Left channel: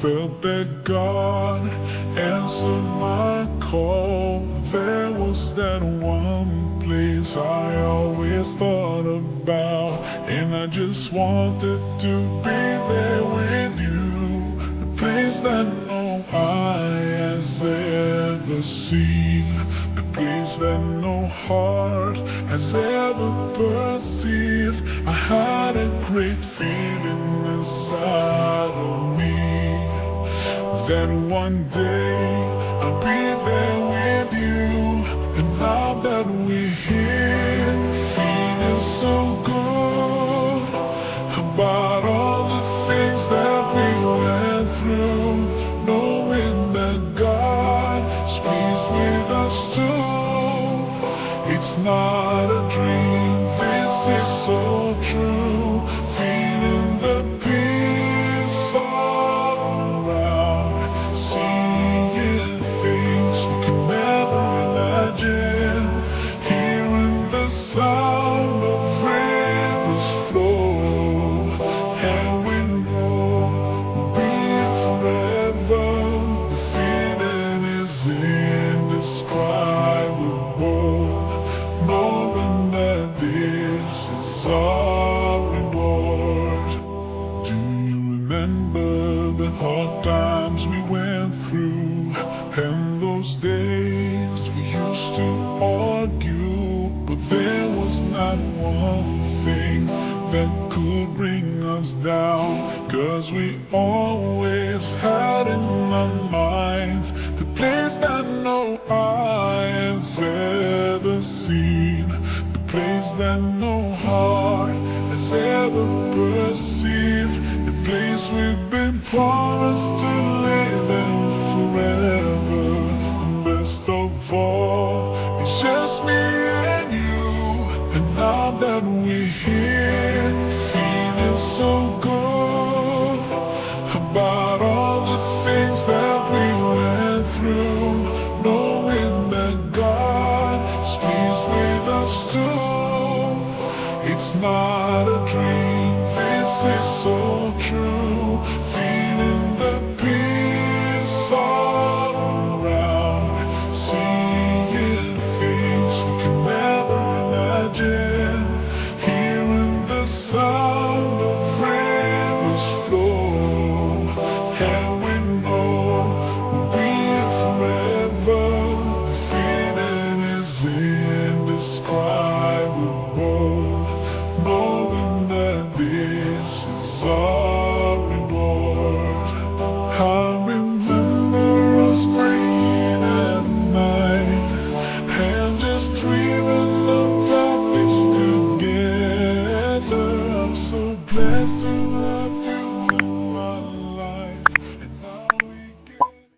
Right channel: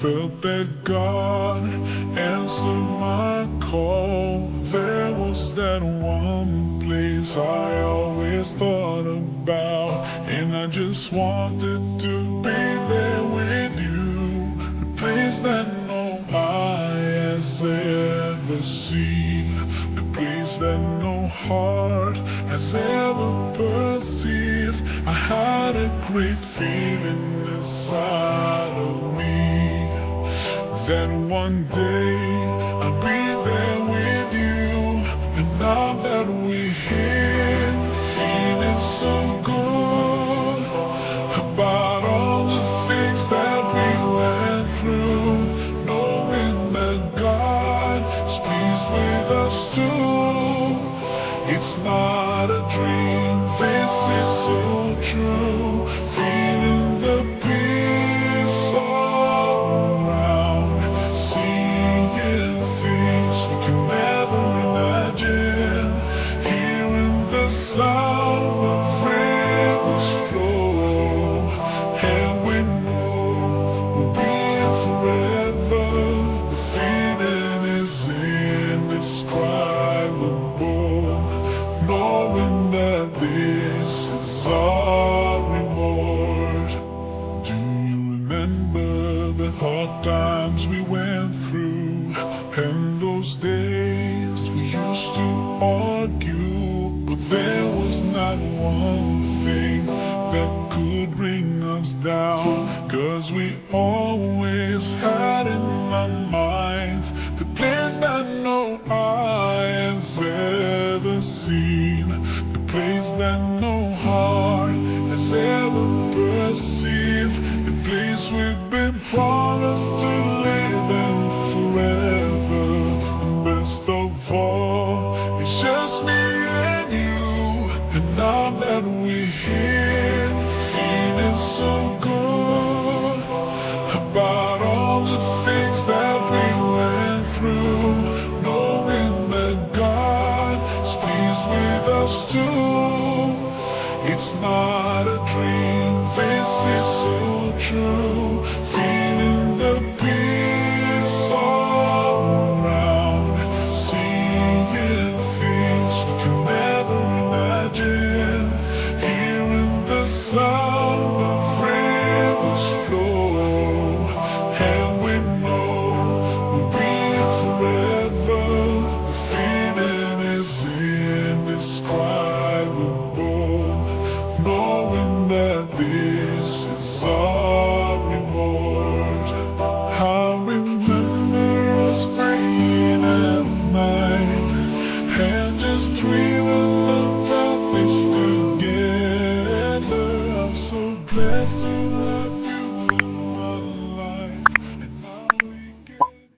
felt that God answered my call. There was that one place I always thought about, and I just wanted to be there with you. The place that no eye has ever seen, the place that no heart has ever perceived. I had a great feeling inside of me that one day I'll be there with you. And now that we're here, feeling so good about all the things that we went through, knowing that God is pleased with us too. It's not a dream, this is so true. Feeling the peace all around, seeing things we can never imagine, hearing the sound of rivers flow, and we know we'll be here forever. The feeling is indescribable, knowing that this is our reward. Do you remember the hard times we went through, and those days we used to argue, but there was not one thing that could bring us down, 'cause we always had in our minds the place that no eye has ever seen, the place that no heart has ever perceived, the place we've been promised to live in forever. And best of all, it's just me and you. And now that we're here, feeling so good about all the things that we went through, knowing that God is pleased with us too. It's not a dream, this is so true. Feeling the peace all around, seeing things we can never imagine, hearing the sound of rivers flow, and we know we'll be here forever. The feeling is indescribable, knowing that this is our reward. I remember us praying at night and just dreaming about this together. I'm so blessed to